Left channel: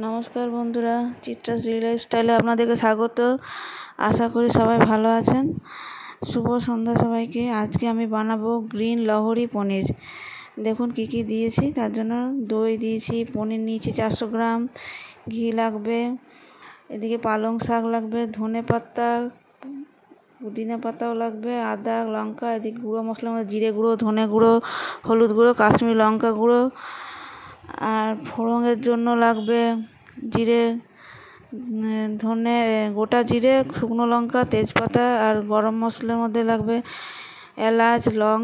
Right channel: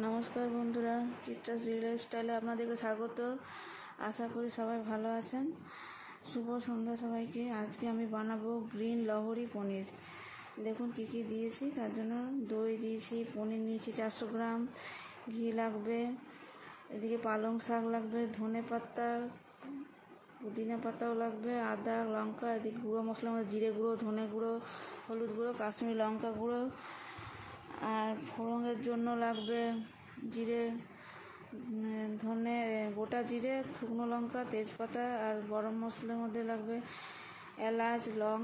নমস্কার বন্ধুরা, চিত্রাস রিয়েল স্টাইলে আপনাদেরকে স্বাগত। আশা করি সবাই ভালো আছেন। শুভ সন্ধ্যা সবাইকে। আজকে আমি বানাবো গ্রিন লহরি পনির। দেখুন কি কি দিয়েছি। তার জন্য দই দিয়েছি, পনির নিয়েছি 400 গ্রাম, ঘি লাগবে, এদিকে পালং শাক লাগবে, ধনে পাতা, পুদিনা পাতাও লাগবে, আদা, লঙ্কা, এদিকে গুঁড়ো মশলা মধ্যে জিরে গুঁড়ো, ধনে গুঁড়ো, হলুদ গুঁড়ো, কাশ্মীরি লঙ্কা গুঁড়ো, আর ফোড়নের জন্য লাগবে জিরে, ধনে, গোটা জিরে, শুকনো লঙ্কা, তেজপাতা, আর গরম মশলার মধ্যে লাগবে এলাচ, লং,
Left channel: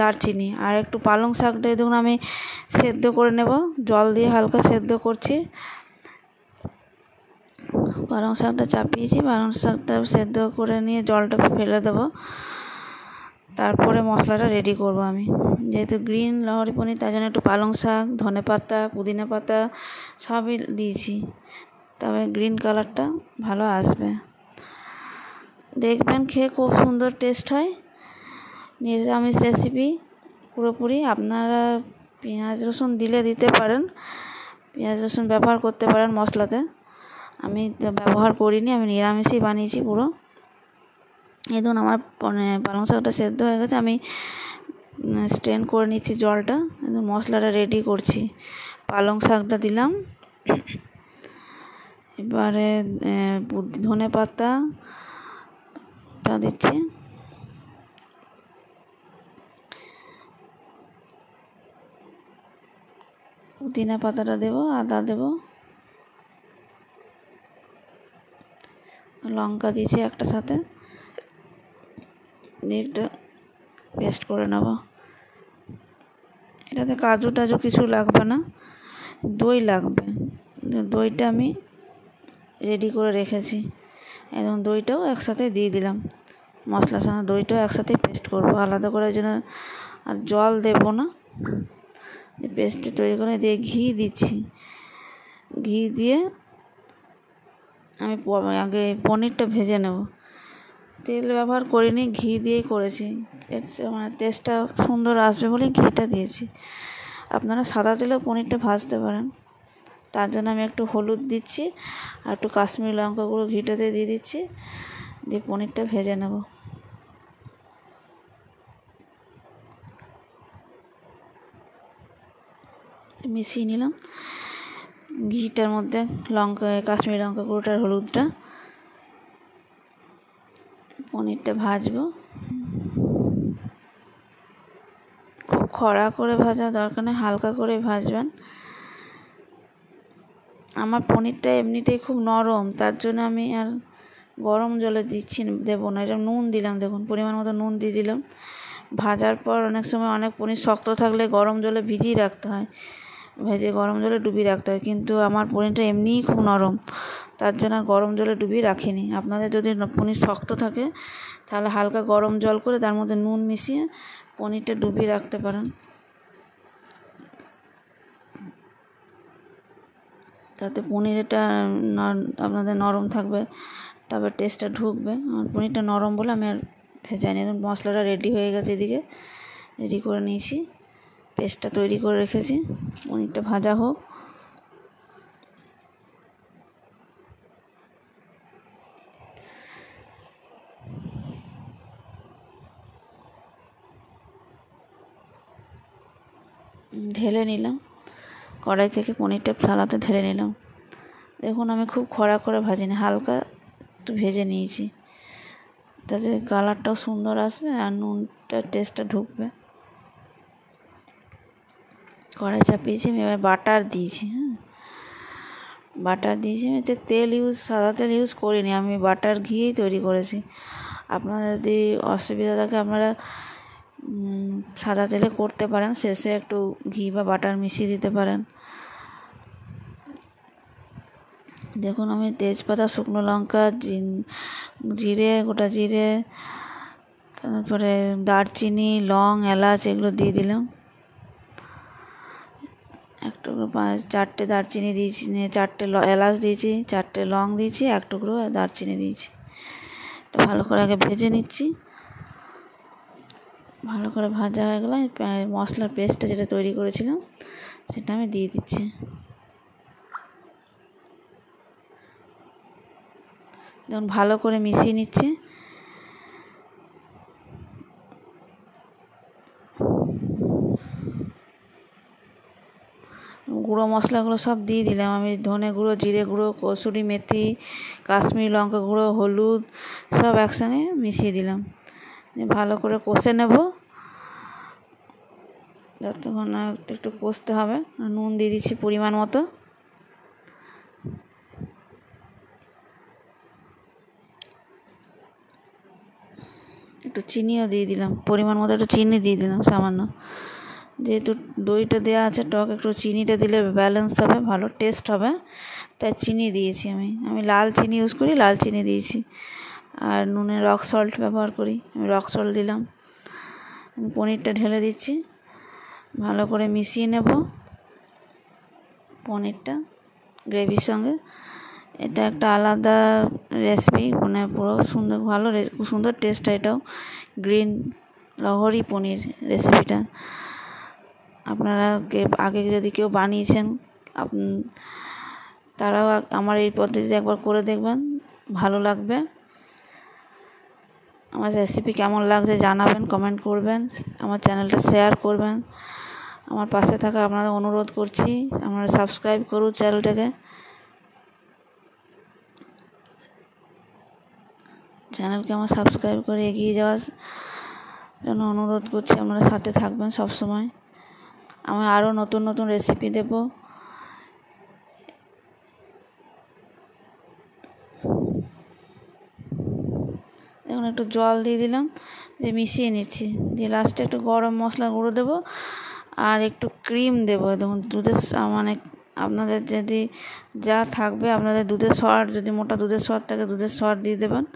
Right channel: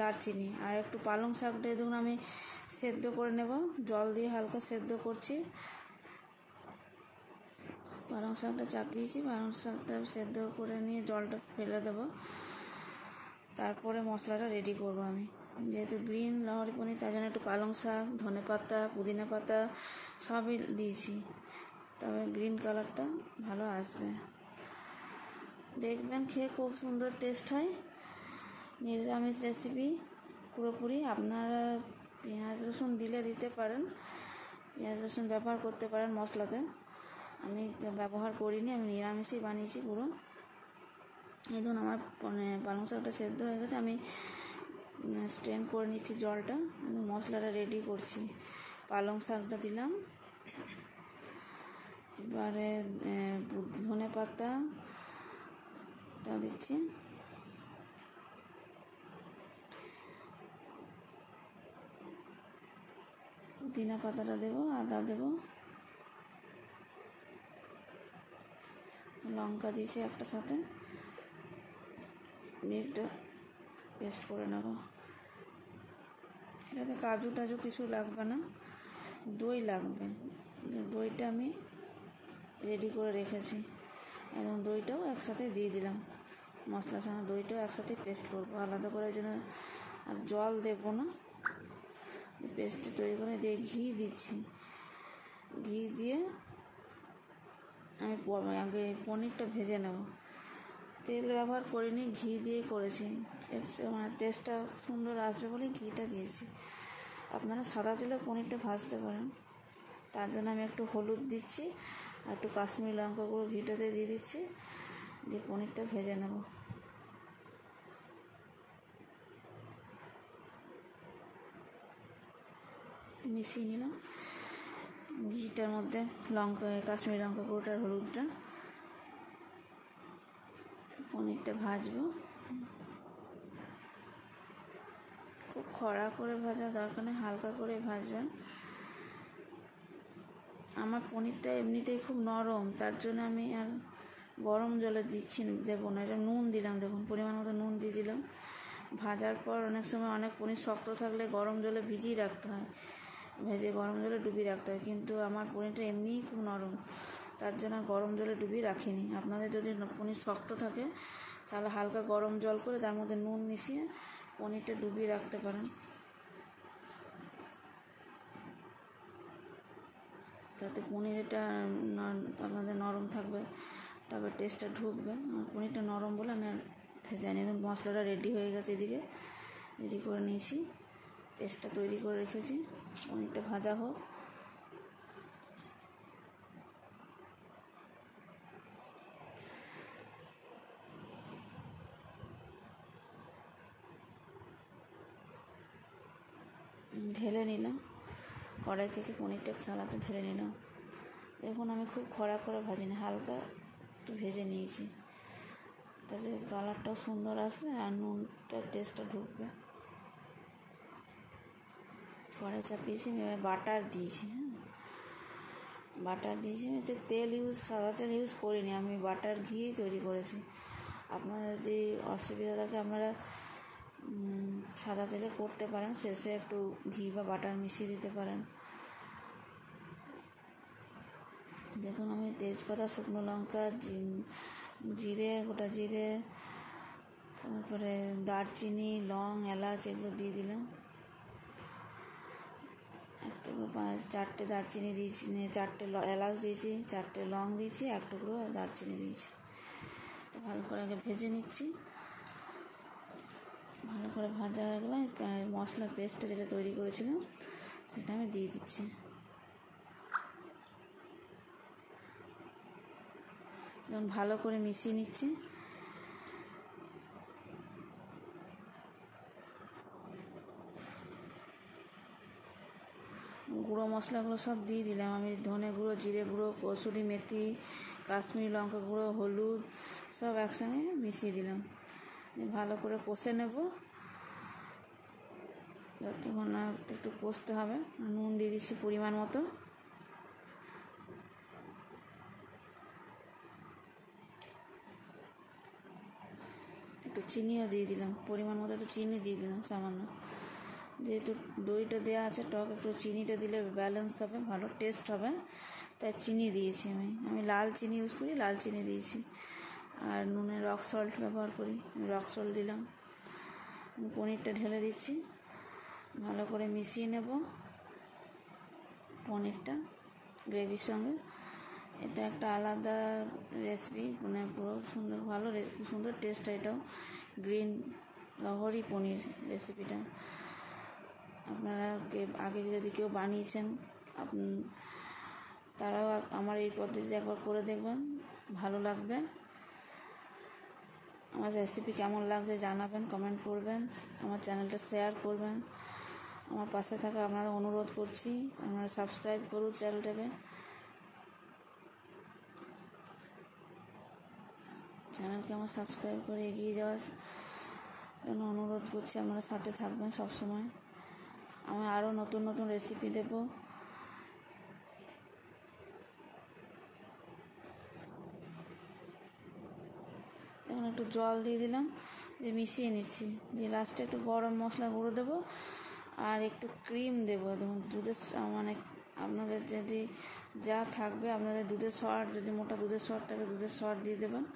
দারচিনি, আর একটু পালং শাকটা দেখুন আমি সেদ্ধ করে নেব, জল দিয়ে হালকা সেদ্ধ করছি। পালং শাকটা চাপিয়েছি, পালং শাকটা সেদ্ধ করে নিয়ে জলটা ফেলে দেবো। তারপরে মশলাটা রেডি করব আমি। যেহেতু গ্রিন লহরি পনির, তার জন্য একটু পালং শাক, ধনে পাতা, পুদিনা পাতা সবই দিয়েছি, তবে গ্রিন কালারটা ভালো আসবে। দেখবেন খেয়ে খুব সুন্দর টেস্ট হয়। নিরামিষ রেসিপি পুরোপুরি। আপনারা পেঁয়াজ রসুন দিলে দিতে পারেন, পেঁয়াজ রসুন ব্যবহার করতে পারেন মশলাতে। আমি ব্যবহার করিনি, আমি নিরামিষই বানিয়েছি পুরো। এই ধরুন আমার পালং শাকটা সেদ্ধ হয়ে গেছে, আমি স্ট্রেন করে নিচ্ছি জলটা। মশলাটা রেডি করছি। পালং শাকটা দিলাম, এবারে ধনে পাতাটা দিচ্ছি, পুদিনা পাতাটা দেবো, আদা দেবো, লঙ্কা দিয়েছি একটা সাথে, দিয়ে একটা পেস্ট করে নেব। এটাতে কাজু টাজু কিছু লাগবে না, দই লাগবে। দইটা আমি রেডি করে রেখেছি, এবং দইটাও একসাথে দিয়ে দিলাম। মশলার সঙ্গে দইটাও একসাথে পেস্ট করবো, আলাদা করে যেন। আর জল দেবো না, পেস্টটা তৈরি করে দিয়ে ঘি দিচ্ছি। ঘি দিয়ে আমি আগে পনিরটা ভেজে নেব। তেল ব্যবহার করিনি, ঘি দিয়েই করেছি। মানে টেস্টটা সুন্দর আসবে বলে ঘিটা দিয়েছি। আপনারা সাদা তেলেও পনিরটা ভাজতে পারেন। তার জন্য আমি একটু হলুদ দিচ্ছি, আর একটু কাশ্মীরি লঙ্কা গুঁড়ো ঘিটাতে দিয়ে দিচ্ছি, দিয়ে পনিরটা ভেজে নেব। মিশিয়ে নিলাম ঘিটার মধ্যে লঙ্কা, কাশ্মীরি লঙ্কা গুঁড়োটার, হলুদটা। পনিরটা ভাজবো। খুব কড়া করে ভাজা দরকার নেই, হালকা করে ভাজবেন। আমার পনিরটা এমনিতেই খুব নরম, তার জন্য আমি আর গরম জলে দেবো না। এটা নুন দিলাম, দেখুন পরিমাণ মতো নুন দিয়ে দিলাম। ভাজার পর অনেক সময় অনেক পনির শক্ত থাকলে গরম জলে ভিজিয়ে রাখতে হয়, ভেজে গরম জলে ডুবিয়ে রাখতে হয়, কিন্তু আমার পনিরটা এমনিই খুব নরম, তার জন্য আর গরম জলে ডুবিয়ে রাখিনি। আপনাদের যদি পনির শক্ত থাকে তাহলে হালকা গরম জল করে তার মধ্যে নুন মিশিয়ে পনিরটা ডুবিয়ে রাখতে পারেন, তাতে পনিরটা আপনাদের নরম থাকবে, তবে টেস্টটা ঢুকবে। আমার পনিরটা নরম বলে আমি আর ভেজাইনি। মশলাটা রেডি হয়ে গেছে, এদিকে রেডি করে নিয়েছি, পেস্টটা তৈরি করে রেখেছি। পনিরটা ভাজা হোক। ঢেলে নিলাম কড়াই থেকে, পনিরটা থালাতে ঢেলে নিলাম। দেখুন আমি খুব কড়া করে ভাজিনি, হালকা একটু ভেজে নিয়েছি, তাতে কালারটাও সুন্দর আসবে আর নুনটা টেস্টটা ঢুকবে। কড়াই চাপিয়েছি, আমি এবার বাটার দিয়েছি। বাটার দিয়েছি, আমি এতে সাদা তেল ইউজ করিনি, আমি বাটার ঘিয়েই তৈরি করেছি। আপনারা যদি অসুবিধা থাকে আপনারা সাদা তেলে করতে পারেন, শেষে একটু ঘি বা বাটার মিশিয়ে দিতে পারেন। দেখুন আমি তেজপাতা, শুকনো লঙ্কা, জিরে, গোটা জিরে, তারপরে দারচিনি, লং, এলাচ এগুলো দিয়ে দিলাম। এক টুকরো 4টে দারচিনি দিয়েছি, 4টে এলাচ দিয়েছি, 4টে লং দিয়েছি, এক টুকরো দারচিনি দিয়েছি। ভালো করে আগে ভেজে নিচ্ছি। ভালো করে ভাজা হয়ে গেলে মশলার পেস্টটা যেটা তৈরি করেছিলাম সেটা আমি দিয়ে দিচ্ছি। এখন ভালো করে মিশিয়ে নিচ্ছি। গুঁড়ো মশলাগুলো সব দিয়ে দিলাম আমি, ধনে গুঁড়ো, জিরে গুঁড়ো, কসুরি মেথি, কাশ্মীরি লঙ্কা গুঁড়ো, হলুদ সব একসঙ্গে মিশিয়ে দিলাম। ভালো করে কষে নেব, যতক্ষণ না একটু কষতে হবে। নুন দিয়ে দিচ্ছি পরিমাণ মতো। একটু চিনিও দিয়ে দিলাম, পরিমাণ মতো একটু চিনি দিয়ে দিলাম সামান্য, যেহেতু দইটা দেওয়া আছে টক, একটু চিনিটা দিলে ব্যালেন্স হবে, ভালো টেস্ট হবে, তাই চিনি দিয়েছি আমি লাল চিনি ইউজ করি, লাল চিনি দিয়েছি। আর নুনে রক সল্ট ব্যবহার করি, আমি রক সল্ট দিলাম। পনিরটা ঢেলে দিচ্ছি, ভালো করে মিশিয়ে নেব পনিরটা গ্রেভির সঙ্গে। এটা একটা আলাদা রেসিপি, মানে পুরো সুন্দর, ভালো খুব সুন্দর টেস্ট হয় এটাও, গ্রিন লহরি পনির রেসিপিটা। আপনারা আগে যদি কেউ বানিয়েছেন তারাও আমার এই পদ্ধতিতে একবার করে দেখবেন, ভালো লাগবে। আমার রেসিপি কেমন লাগছে জানাবেন, কমেন্ট করবেন, আমার চ্যানেলটা শেয়ার করবেন। আমার পাশে থাকা আপনাদের অনুরোধ করছি, আপনারা সাবস্ক্রাইব করুন চ্যানেলটাকে। চ্যানেলকে আমার সাবস্ক্রাইব করে এগিয়ে যাওয়ার জন্য অনুরোধ করছি, আপনারা সাথে থাকবেন সব সময়। আমি আরও নতুন নতুন রেসিপি দেব। এখন একটু জল দিয়ে দিলাম, দিয়ে মিশিয়ে নিচ্ছি, দিয়ে লাস্টে একটু গরম মশলা গুঁড়ো দেবো আর একটু ক্রিম দেবো। দেখুন দুধের, মানে আপনাদের যদি যা থাকবে, আপনাদের দুধের সর, যদি মোটা দুধের সর থাকে দুধের সর দিয়ে দেবেন।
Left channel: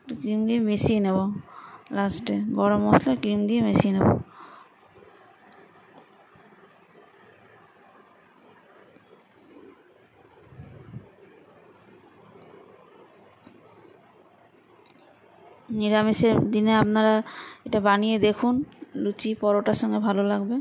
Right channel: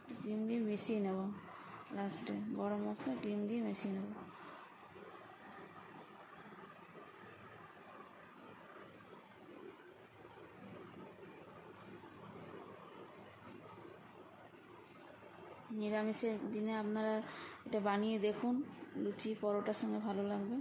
একটু ক্রিম দিয়ে মিশিয়ে নেব, লাস্টে গরম মশলা ক্রিম দিয়ে মিশিয়ে নেব। নিরামিষের দিনে আপনারা এটা বানিয়ে দেখুন, লুচি পরোটার সঙ্গে ভালো লাগবে।